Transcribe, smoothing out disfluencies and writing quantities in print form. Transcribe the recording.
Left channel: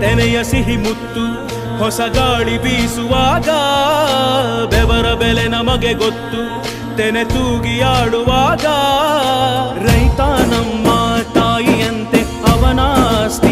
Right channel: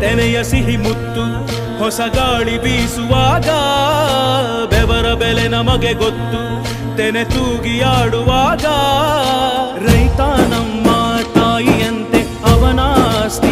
ತೆನೆಯ ಸಿಹಿ ಮುತ್ತು ಹೊಸ ಗಾಳಿ ಬೀಸುವಾಗ ಬೆವರ ಬೆಲೆ ನಮಗೆ ಗೊತ್ತು ತೆನೆ ತೂಗಿ ಆಡುವಾಗ ರೈತ ನಮ್ಮ ತಾಯಿಯಂತೆ ಅವನಾಸ್ತಿ